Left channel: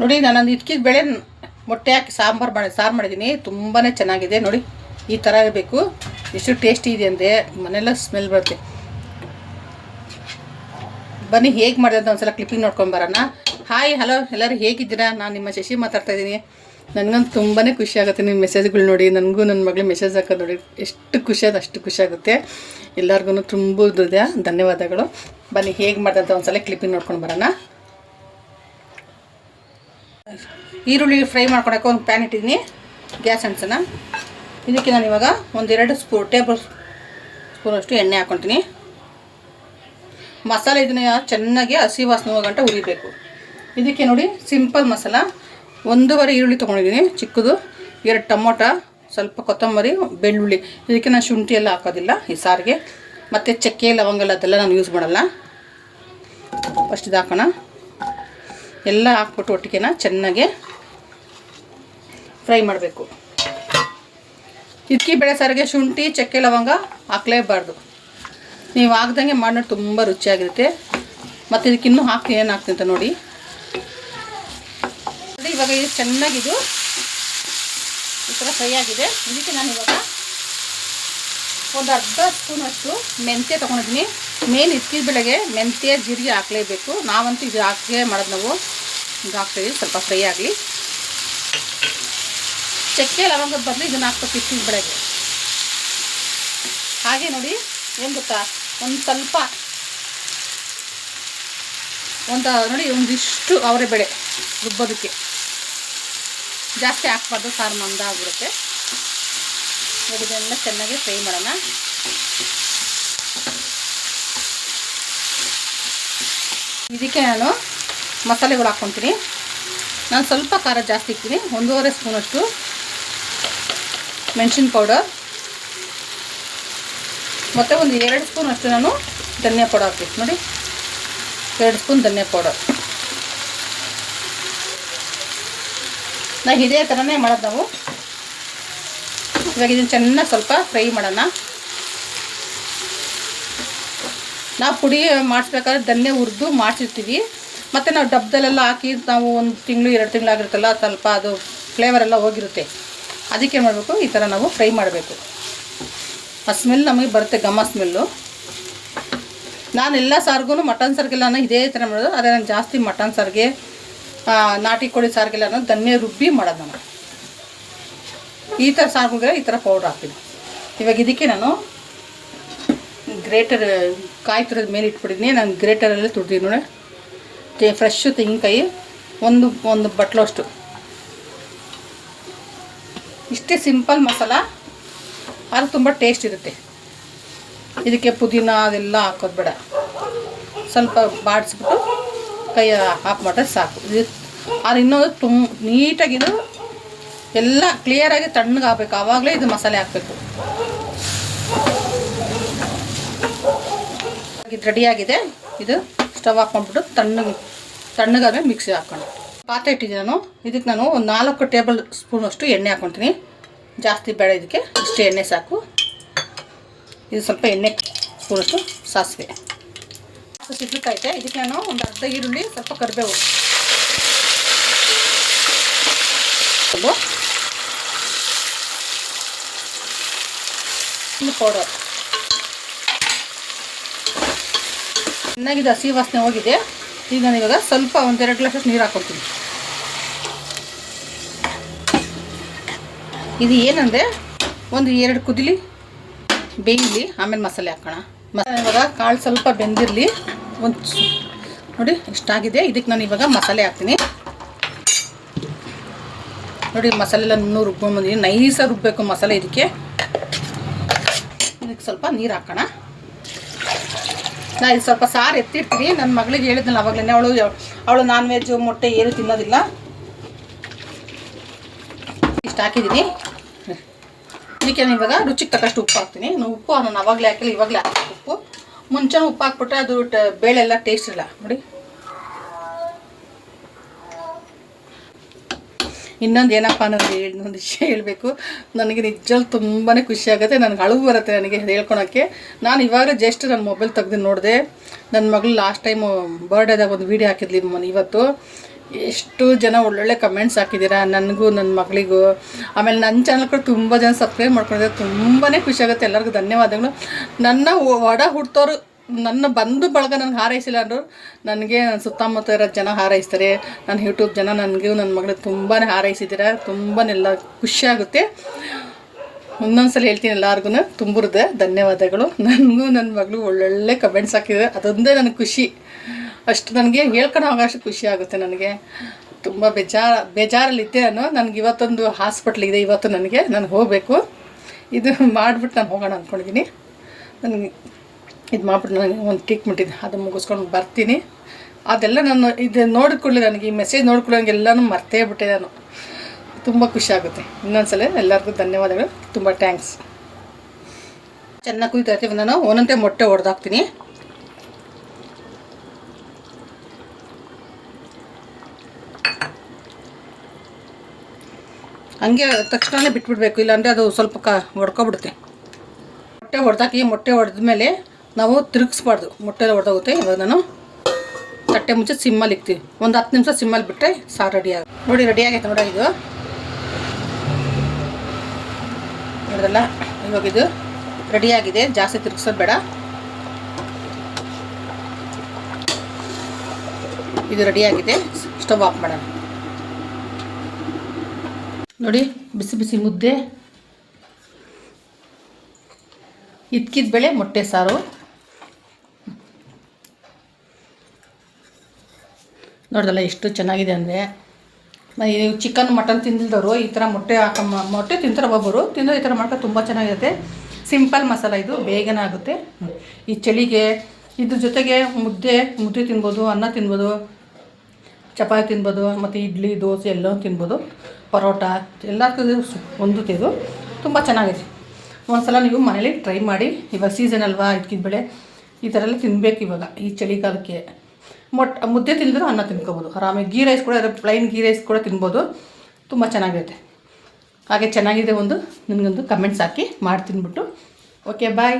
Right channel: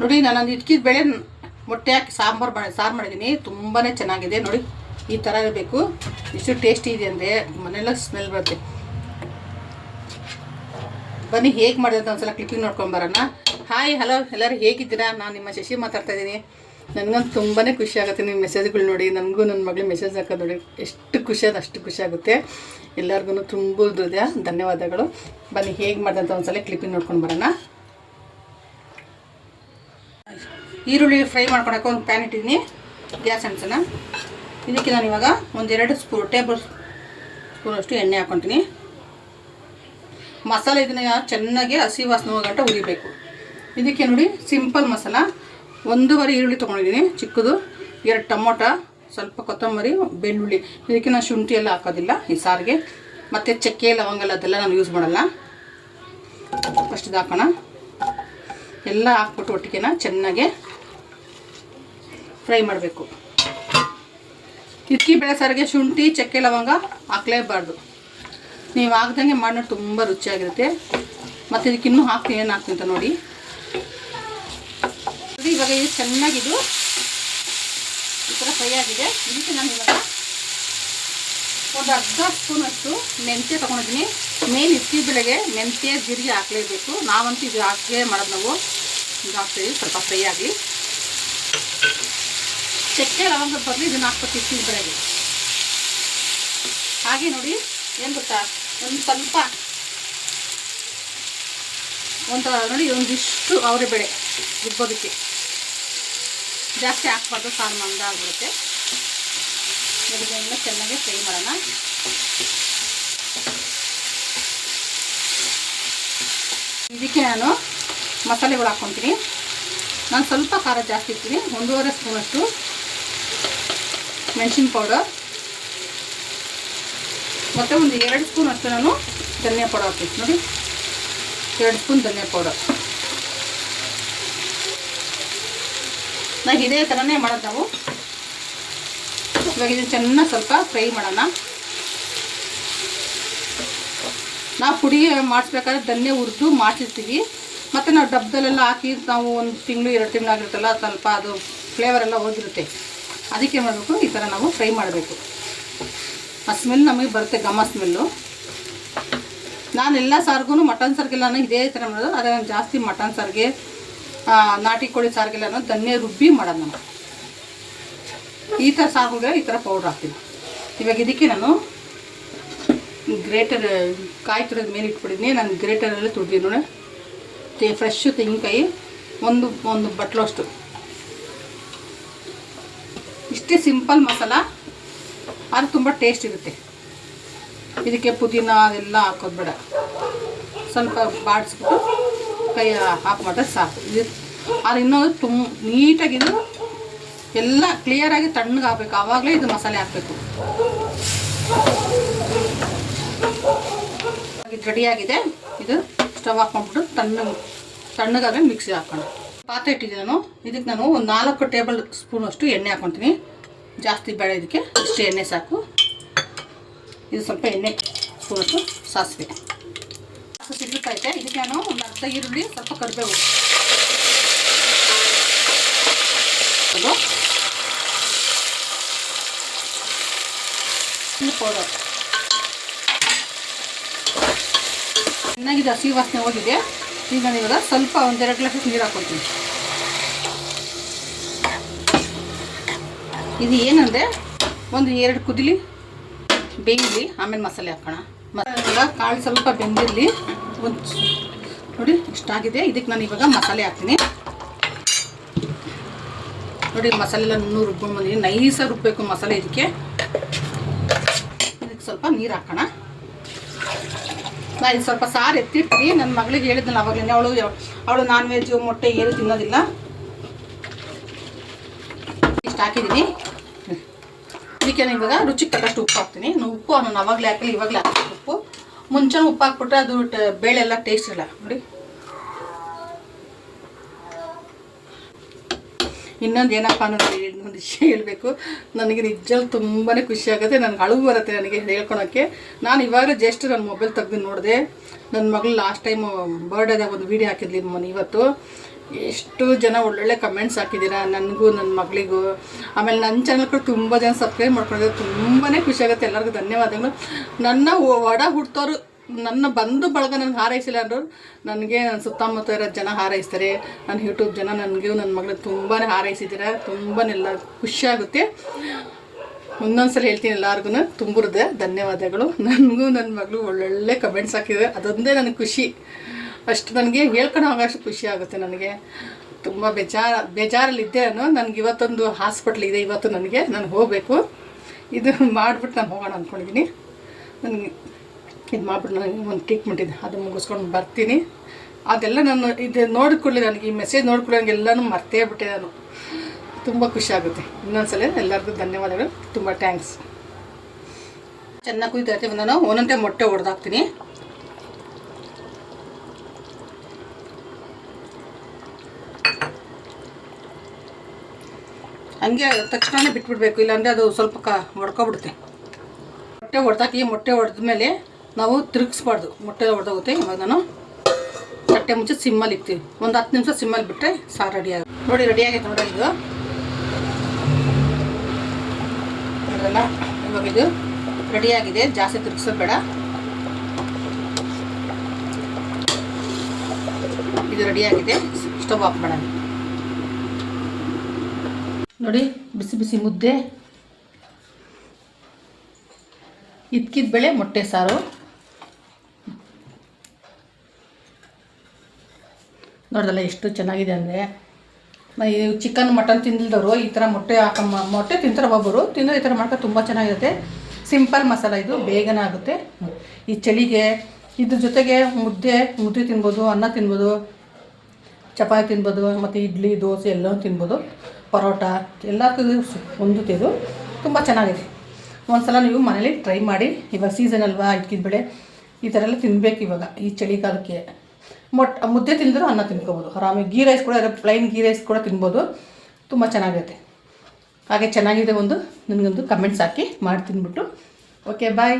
ನೋಡಿ ನಾನು ಇಟ್ಕಿದ ಬೇಳೆ ಮೊಟ್ಟೆ ಹಾಕಿ ಸಾರು ಮಾಡಿದ್ದೀನಿ. ತುಂಬಾ ಚೆನ್ನಾಗಿದೆ ನೋಡಿ. ಈ ಥರ ಇರಬೇಕು. ಎಷ್ಟು ಟೇಸ್ಟಿ ಇದೆ ಅಂದರೆ ಮನೆಯೆಲ್ಲ ಸ್ಮೆಲ್ ಬರುತ್ತೆ. ಬನ್ನಿ ಹೇಗೆ ಮಾಡಿದೆ ಅಂತ ಒಂದ್ಸಲ ಕ್ಲಿಪ್ಪಿಂಗ್ ನೋಡ್ಕೊಂಡು ಬರೋಣ. ಹಾಯ್ ಹಲೋ ಎಲ್ಲರೂ ಹೇಗಿದ್ದೀರಾ? ನಾನು ನಿಮ್ಮ ಶಶಿ ಮಾತಾಡ್ತಾ ಇದ್ದೀನಿ. ನನಗಂತೂ ತುಂಬಾ ಖುಷಿ ಆಗುತ್ತೆ ನಿಮ್ಮ ಮೆಸೇಜ್ಗಳು ನೋಡಿ. ನನಗೂ ನನ್ನ ಮಗಳು ಮೆಸೇಜ್ ಹಾಕೋದು ನೋಡಿ ಎಷ್ಟು ಖುಷಿ ಅದು ಅಷ್ಟು ಖುಷಿ ಆಗುತ್ತೆ. ಎಲ್ಲರಿಗೂ ತುಂಬ ಧನ್ಯವಾದಗಳು. ಬನ್ನಿ ಹೇಗೆ ಮಾಡಿದೆ ಅಂತ ಒಂದ್ಸಲ ಕ್ಲಿಪ್ಪಿಂಗ್ ನೋಡ್ಕೊಂಡು ಬರೋಣ. ಈರುಳ್ಳಿ ಫ್ರೈ ಮಾಡ್ಕೊಳಕ್ಕೆ ಒಂದು ಪ್ಯಾನ್ ಇಟ್ಟಿದ್ದೀನಿ. ಗ್ಯಾಸ್ ಅಂಟಿಸೋಣ. ಇದಕ್ಕೆ ನಾನು ಇವಾಗ ಒಂದೆರಡು ಟೇಬಲ್ ಸ್ಪೂನಷ್ಟು ಎಣ್ಣೆ ಹಾಕ್ಕೊತೀನಿ. ಮಸಾಲೆ ಇದನ್ನ ಚೆನ್ನಾಗಿ ಹಸಿ ವಾಸನೆ ಹೋಗಂಟ ಹುರಿಬೇಕು. ಇದಕ್ಕೆ ನೋಡಿ ಸಿಂಪಲ್ ಮಸಾಲ 1.5 ಈರುಳ್ಳಿ ತೊಗೊಂಡಿದ್ದೀನಿ ಚಿಕ್ಕದು, 2 ಟೊಮೊಟೊ, ಸ್ವಲ್ಪ ಕೊತ್ತಂಬರಿ, ಬೆಳ್ಳುಳ್ಳಿ. ಇದಕ್ಕೆ ನಾನು ಶುಂಠಿ ಎಲ್ಲ ಹಾಕೋದಿಲ್ಲ ಈ ಸಾರಿಗೆ. ಮತ್ತು ಚಕ್ಕೆ ಲವಂಗ ಅದೆಲ್ಲ ನಾನು ಯೂಸ್ ಮಾಡಲ್ಲ. ಫಸ್ಟ್ ಇದು ಹಾಕೋಣ. ಎಲ್ಲ ಹಾಕ್ಬಿಟ್ಟು ಒಟ್ಟಿಗೆ ಚೆನ್ನಾಗಿ ಫ್ರೈ ಮಾಡಬೇಕು. ಇಡ್ಕಿ ಬೇಳೆ ಸಾರಿಗೆ ಶುಂಠಿ ಚಕ್ಕೆ ಲವಂಗ ಹಾಕಲೇಬಾರ್ದು. ನೀವು ಹಾಕ್ದಂಗೆ ಮಾಡಿ ತುಂಬ ರುಚಿಯಾಗಿರುತ್ತೆ. ಮತ್ತು ಇದಕ್ಕೆ ಇನ್ನೂ ಹಾಕ್ತೀನಿ, ಏನು ಹಾಕ್ತೀನಿ ಅಂತ ನೋಡಿ. ಇವಾಗ ಇದು ಚೆನ್ನಾಗಿದು ಈ ಥರ ಫ್ರೈ ಆಗಿದೆ. ಇದಕ್ಕೆ ನಾನು ಇವಾಗ ಒಂದು ಅರ್ಧ ಸ್ಪೂನಷ್ಟು ಮೆಂತ್ಯ ತೊಗೊಂಡಿದ್ದೀನಿ. ಮೇನ್ ಇಡ್ಕಿದ ಬೆಳೆಗೆ ಮೆಂತ್ಯ ಜೀರಿಗೆ ಹಾಕಲೇಬೇಕು. ನಾವಂತೂ ಇದು ಹಾಕೇ ಮಾಡೋದು. ನಾವು ಇದು ಹಾಕ್ತೀವಿ ಸ್ವಲ್ಪ ಫ್ರೈ ಆಗಲಿ. ಚಕ್ಕೆ ಲವಂಗದ ಬದಲು ಇದನ್ನು ಹಾಕ್ಬೇಕು ಇಡ್ಕಿದ ಬೆಳೆಗೆ. ಹಾಗೆ ನೋಡಿ ಏನು ಗೊತ್ತಾ, ಒಂದು ಸ್ವಲ್ಪ ನೋಡಿ ಒಂದಿಷ್ಟು ಅವರೆ ಬೇಳೆ ರುಬ್ಬೋದಕ್ಕೆ ಜಾಸ್ತಿ ಹಾಕ್ಬಾರ್ದು, ಸಾರು ಮಂದಾಗಿರುತ್ತೆ. ಇದನ್ನೆಲ್ಲ ಚೆನ್ನಾಗಿ ಫ್ರೈ ಮಾಡೋಣ. ಇದಕ್ಕೆ ನಾನು ಮಸಾಲೆಗಳು ಹಾಕ್ಕೊತೀನಿ. ನಾನು ಸ್ವಲ್ಪ ಖಾರ ಜಾಸ್ತಿ ಇಕ್ತೀನಿ. 1.5 ಸ್ಪೂನಷ್ಟು ಮೆಣಸಿನ ಪೌಡರ್ ಮತ್ತು ಒಂದು 2 ಸ್ಪೂನಷ್ಟು ನಾನು ಧನಿಯಾ ಪೌಡರ್ ಹಾಕ್ತೀನಿ. ನೋಡಿ 2 ಸ್ಪೂನ್ ಧನಿಯಾ ಪೌಡರ್. ಇದೇ ಥರನೇ ಮಾಡೋದು ನಾವು. ಇವಾಗ ಇದನ್ನು ಚೆನ್ನಾಗಿ ಸ್ವಲ್ಪ ಫ್ರೈ ಮಾಡೋಣ. ನಾವು ಪುಡಿ ಮಾಡಿಸ್ಬೇಕಾದ್ರೆ ಧನ್ಯ ಹುರಿದು ಮಾಡಿಸಿರ್ತೀವಿ. ಮತ್ತು ನಾವು ಡಬ್ಬದಲ್ಲೆಲ್ಲ ಹಾಕಿ ನಾವು 1 ತಿಂಗಳು 2 ತಿಂಗಳು ಆಗಿರುತ್ತಲ್ಲ, ಸ್ವಲ್ಪ ಅದು ಫ್ಲೇವರೆಲ್ಲ ಹೋಗಿರುತ್ತೆ. ಅದಕ್ಕೆ ಮಾಡಬೇಕು, ಈ ಥರ ನಾವು ಫ್ರೈ ಮಾಡಬೇಕು. ಆ ಸ್ಮೆಲ್ ನಮಗೆ ಬರುತ್ತೆ, ಘಮ ಸ್ಮೆಲ್ಲು. ನಾನು ಎಲ್ಲ ಸಾರಿಗೂ ಮಟನ್ ಸಾರಿಗೆಲ್ಲ ಇದೇ ಥರ ಮಾಡೋದು. ಆದರೆ ನಾನು ಜಾಸ್ತಿ ಮಟನ್ ಸಾರಿಗೆ ನಾಟಿ ಕೋಳಿ ಸಾರಿಗೆಲ್ಲ ಧನ್ಯ ರುಬ್ಬಿ ಮಾಡೋದು. ನಾನು ಈ ಥರ ಸಾರುಗಳಿಗೆ ಈ ಥರ ಪೌಡ್ರ್ ಹಾಕ್ತೀನಿ. ಇವಾಗ ಇದಕ್ಕೆ ನಾನು ಗ್ರೇಟರ್ ಕಾಯಿ ತುರಿದ ಮೇಲೆ ಇಟ್ಬಿಟ್ಟಿದ್ದೀನಿ. ನಾನು ಗ್ರೇಟರಲ್ಲಿ ತುರಿದೀನಿ ನೋಡಿ. ಫ್ರೆಶ್ಶು ತೆಂಗಿನಕಾಯಿ ಒಂದು ಬಟ್ಲಷ್ಟು. ಇಷ್ಟೇ ಸಿಂಪಲ್ ಮಸಾಲ, ಅದು ತುಂಬ ಟೇಸ್ಟ್ ಇರುತ್ತೆ. ಇದಕ್ಕೆ ಪುದೀನ ಅದೆಲ್ಲ ಹಾಕೋದು ಬೇಡ. ಸ್ವಲ್ಪ ಬಾಡಿಸ್ಬಿಟ್ಟು ಕೈ ಹಾಕ್ಬಿಟ್ರೆ ಸಾಕು. ಅದು ಇನ್ನೊಂದು ನೀಟಾಗಿದು ಎಲ್ಲ ಕ್ಲಿಯರಾಗಿ ತಣ್ಣಗೆ ಹಾಕಬೇಕು. ಆವಾಗಲೇ ಇದು ಮಸಾಲೆ ಹಾಕಬೇಕು. ಇದು ರೆಡಿಯಾಗಿದೆ. ಇದು ಸ್ಟವ್ ಹಾಕ್ಕೊಂಡ್ಬಿಟ್ಟು ತಣ್ಣಗಾದ್ಮೇಲೆ ಮಿಕ್ಸಿ ಹಾಕ್ಕೊಂಡು ಪಾತ್ರೆ ಇಟ್ಟಿದ್ದೀನಿ ನಾನು. ಇದಕ್ಕೆ ನಾನು ಒಂದು 4 ಟೇಬಲ್ ಸ್ಪೂನಷ್ಟು ಎಣ್ಣೆ ಹಾಕ್ಕೊತೀನಿ. ಜಾಸ್ತಿ ಬೇಡ, ಇದಕ್ಕೆ ಇಷ್ಟು ಎಣ್ಣೆ ಸಾಕು. ಇದು ಸ್ವಲ್ಪ ಎಣ್ಣೆ ಸ್ಪೂನಷ್ಟು ಸಾಸಿವೆ ಸಿಗ್ಲಿಕ್ಕೈತೆ. ಇದಕ್ಕೆ ನಾನು ಒಂದು ಅರ್ಧ ಈರುಳ್ಳಿ, ಸ್ವಲ್ಪ ಕರಿಬೇವು, ಪೌಡರ್ ಚೆನ್ನಾಗಿದೆ. ಹಸಿ ವಾಸನೆ ಹೋಗಿದೆ. ಈಗ ನಾನು ಇವಾಗ ಸ್ವಲ್ಪ 1-2 ಗ್ಲಾಸ್ ನೀರು ಹಾಕ್ಕೊಳ್ತೀನಿ. ಇದು ಏನಂದರೆ ಒಂದು 2 ಕುದಿಲಿ ಬೇಯಲಿ, ಆಮೇಲೆ ಮಸಾಲೆ ಹಾಕೋಣ. ಇವಾಗ ಕಾಳು ಸ್ವಲ್ಪ ಬೆಂದಿರಲಿ. ನೋಡಿ ಇಷ್ಟಾಗಿದೆ. ಇದಕ್ಕೆ ನಾನು ಇವಾಗ ಮಸಾಲೆ ಹಾಕ್ತೀನಿ. ನೋಡಿ ಮಸಾಲೆ ಎಲ್ಲ ರುಬ್ಕೊಂಡ್ಬಂದಿದ್ದೀನಿ. ನೈಸಾಗಿ ರುಬ್ಬಬೇಕು ಮಸಾಲೆ. ಇದಕ್ಕೆ ಸ್ವಲ್ಪ ನೀರು ಹಾಕೋಣ. ನಾನು ಇದು ಸ್ವಲ್ಪ ಸಾರು ಎತ್ತಿರ್ತೀನಿ. ನನ್ನ ಮಗಳಿಗೆ ಹೇಳಿದ್ನಲ್ಲ ಅವಾಗಲೇ, ಅವಳು ನಾನ್ ವೆಜ್ ಮೊಟ್ಟೆ ಏನು ತಿನ್ನೋದಿಲ್ಲ. ಇಷ್ಟು ಹಾಕಿದ್ದೀನಿ. ಇದಕ್ಕೆ ನಾನು ಇವಾಗ ರುಚಿಗೆ ತಕ್ಕಷ್ಟು ಉಪ್ಪು ಹಾಕ್ತೀನಿ. ಉಪ್ಪು ನಾನು ಅವಾಗಲೇ ಹಾಕಿಲ್ಲ, ಇವಾಗಲೇ ಹಾಕಿ ಉಪ್ಪು. ಮುಂಚೆ ಉಪ್ಪು ಹಾಕ್ಬಿಟ್ರೆ ಅದು ಬೇಳೆ ಎಲ್ಲ ಟೇಸ್ಟ್ ಇಲ್ಲ ನೋಡಿ. ಇನ್ನೊಂದು ಏನಪ್ಪ ಅನ್ನೋದು ಇನ್ನೊಂದು ವಿಷಯ ಹೇಳಬೇಕು. ನನಗೆ ನಿಜಲ್ಲಿ ತುಂಬಾ ಖುಷಿ ಆಗುತ್ತೆ. ನನಗೆ ಅಳು ಬರುತ್ತೆ ನನಗೆ ಹೇಳ್ಕೊಳಕ್ಕೆ. ನಾನು ಇವಾಗ ಜಸ್ಟ್ ನನ್ನ ಮೊಬೈಲ್ ತೆಗೆದು ನೋಡಿದೆ. ನನ್ನ ಮಗಳು ಲಾಸ್ಟ್ ಟೈಮು ಬರ್ಡೇದಾಗ ಒಂದು ವೀಡಿಯೋ ಹಾಕಿದ್ಲಿ ಇವತ್ತು. ಎಷ್ಟು ಜನ ಒಳ್ಳೊಳ್ಳೆ ಕಮೆಂಟ್ಸ್ ಹಾಕಿದ್ದೀರಾ ನನಗೂ ನನ್ನ ಮಗಳಿಗೂ. ಆಮೇಲೆ ನನ್ನ ಚಾನಲ್ ಕೂಡ ತುಂಬ ಜನ ಸಬ್ಸ್ಕ್ರೈಬ್ ಮಾಡ್ಕೊಂಡಿದ್ದಾರೆ. ತುಂಬಾ ಖುಷಿಯಾಗುತ್ತೆ. ಎಲ್ಲರಿಗೂ ಧನ್ಯವಾದಗಳು. ನನ್ನ ಒಡ ಹುಟ್ಟೋರು, ನನ್ನ ಬಂಧು ಬಳಗ ನನಗೆ ಹಾರೈಸಿಲ್ಲ ಅಂದರು ನನಗೆ ನನ್ನ ಸುತ್ತಮುತ್ತ ಇರೋ ಜನ ಹಾರೈಸ್ತಾರೆ. ನನ್ನ ಯೂಟ್ಯೂಬ್ ಜನ ನನಗೂ ನನ್ನ ಮಗಳಿಗೆ ತುಂಬಾ ಹಾರೈಸಿದ್ದೀರಾ. ತುಂಬಾ ಎಲ್ಲ ಖುಷಿಯಾಗುತ್ತೆ. ಒಂದೊಂದ್ಸಲ ಹೇಳ್ತೀನಿ ಎಲ್ಲರಿಗೂ ತುಂಬಿರುತ್ತೆ ಧನ್ಯವಾದಗಳು. ನನಗೂ ನನ್ನ ಮಗಳು ಒಳ್ಳೊಳ್ಳೆ ಕಮೆಂಟ್ಸ್ ಹಾಕಿದ್ದಾರೆ. ಅದೊಂದೇ ನನಗೆ ಖುಷಿ. ಅಷ್ಟು ನನಗೆ ಹೇಳ್ಕೊಂಡು ಹೋಗೋಷ್ಟು ಖುಷಿ ಆಗುತ್ತೆ. ನನಗೆ ತುಂಬ ಬೇಜಾರಲ್ಲಿದ್ದೆ ನನಗೆ ಇವತ್ತೊಂದು ಹಾಸ್ಪಿಟ್ಲಿದೆ. ಇವತ್ತು ನಾನು ಹೋಗಬೇಕು. ಇದು ಮಾಡಿಬಿಟ್ಟು ನಾನು ಹೋಗೋಣ ಅಂದ್ಕೊಂಡಿದ್ದೀನಿ. ನನಗೆ ಇದು ಮಾಡಿಬಿಟ್ಟು ನನಗೆ ಒಂದು ಟ್ರೀಟ್ಮೆಂಟ್ ಇದೆ, ಅದು ಮುಗಿಸ್ಕೊಂಡು ಬರ್ತೀನಿ. ಅದೆಲ್ಲ ನಾನು ಇದು ನೋಡಿಕೊಳ್ಳಿ, ನನಗೆ ಈ ಮೆಸೇಜ್ ನೋಡಿಕೊಳ್ಳಿ ನನಗೆಲ್ಲನೂ ಮರ್ತೇ ಬಿಟ್ಟೆ ನಾನು. ತುಂಬ ಖುಷಿ ಆಗುತ್ತೆ. ಇನ್ನೊಂದ್ಸಲ ಎಲ್ಲರಿಗೂ ಧನ್ಯವಾದಗಳು. ತುಂಬ ಥ್ಯಾಂಕ್ಸ್. ಚೆನ್ನಾಗಿ ಕುಯ್ತಾ ಇರ್ತೀವಿ. ನಾನು ಒಂದೊಂದೇ ಮೊಟ್ಟೆ ಹೊಡೆದಾಕ್ತೀನಿ. ಹಂಗೆ ತಕ್ಷಣವೇ ಬಿಟ್ಬಿಡ್ಬೇಕು, ಇಲ್ಲಾಂದರೆ ಅದು ಸ್ವಲ್ಪ ಹೊಡ್ಕೊಬಿಡುತ್ತೆ. ಮೊಟ್ಟೆ ಹೊಡೆದಾಕಿ ಮೊಟ್ಟೆ ಹೊಡೆದ್ಮೇಲೆ ನಾವು ತಿರುಗಿಸ್ಬಾರ್ದು, ಮೊಟ್ಟೆ ಹೊಡೆದೋಗುತ್ತೆ. ಇವಾಗ ನಾನು ತಟ್ಟೆ ಮುಂಚೆ ಸಿಮ್ಮಲ್ಲಿ ಇಕ್ತೀವಿ. ಒಂದು 10 ನಿಮಿಷ ಸಿಮ್ಮಲ್ಲಿ ಬಿಟ್ಟರೆ ಸಾರು ರೆಡಿ ಆಗುತ್ತೆ. ನೋಡಿ ರೆಡಿ ಆಗೈತೆ ನೋಡಿ. ಇದು ನೋಡಿದ್ರಲ್ಲ, ಇವಾಗ ಇದು ರೆಡಿಯಾಗಿದೆ. ಜಾಸ್ತಿ ತಿರುಗಿಸೋದು ಬೇಡ. ಇದು ರೆಡಿಯಾಗಿದೆ. ಸ್ಟವ್ ಆಫ್ ಮಾಡೋಣ. ನೋಡಿ ಬಿಸಿ ಬಿಸಿ ಮುದ್ದೆ, ಇದ್ಕಿದ ಬೇಳೆ, ಮೊಟ್ಟೆ ಸಾರು. ನೋಡಿದಲ್ಲ ಎಷ್ಟು ಚೆನ್ನಾಗಿದೆ ಅಂದರೆ. ಚಿಕನ್ ಮಟನ್ ತಿಂದಿಲ್ದವರು ಈ ಥರ ಮೊಟ್ಟೆ ತಿಂತಾರೆ. ಒಬ್ಬರು ತಿಂದರೆ ಈ ಥರ ಮಾಡ್ಕೊಂಡು ತುಂಬ ಚೆನ್ನಾಗಿರುತ್ತೆ. ಸಿಂಪಲ್ ಮಸಾಲ, ಇದು ಬೇಗನೆ ಆಗುತ್ತೆ. ಈ ಚಳಿಗೆ ಇದ್ರ ಜೊತೆಗೆ ಮುದ್ದೆ ತಿನ್ಬೋದು, ಅನ್ನ ತಿನ್ಬೋದು, ಚಪಾತಿ ತಿನ್ಬೋದು, ಮತ್ತು ಇಡ್ಲಿ ದೋಸೆ ಎಲ್ಲವೂ ತಿನ್ಬೋದು, ಪರೋಟ ಎಲ್ಲದಕ್ಕೂ ಹೊಂದುತ್ತೆ. ಇದು ತುಂಬ ಚೆನ್ನಾಗಿದೆ. ಒಂದ್ಸಲ ನೀವು ಮನೇಲಿ ಟ್ರೈ ಮಾಡಿ. ಇವಾಗ ಸೀಸನ್ ಅಲ್ವಾ, ಇದ್ಕಿದ ಬೆಳೆ ಈ ಥರ ಎಲ್ಲ ತಿನ್ನಬೇಕು ಇವಾಗ ಈ ಚಳಿಗಾಲಕ್ಕೆ. ಮುದ್ದೆ ತಿಂದರೂ ಅನ್ನ ತಿನ್ಕೋಬೋದು ಆರಾಮಾಗಿ. ಗೀ ರೈಸ್ ಕೂಡ, ಪ್ಲೈನ್ ಗೀ ರೈಸ್ ಕೂಡ ತಿನ್ಬೋದು. ತುಂಬ ಚೆನ್ನಾಗಿರುತ್ತೆ. ಹಾಗೆ ಚೆನ್ನಾಗಿದೆ ನನಗೊಂದು ಕಮೆಂಟ್ಸ್ ಹಾಕಿ ಮಾಡಿ ತಿನ್ಬಿಟ್ಟು. ಓಕೆ ಬಾಯ್.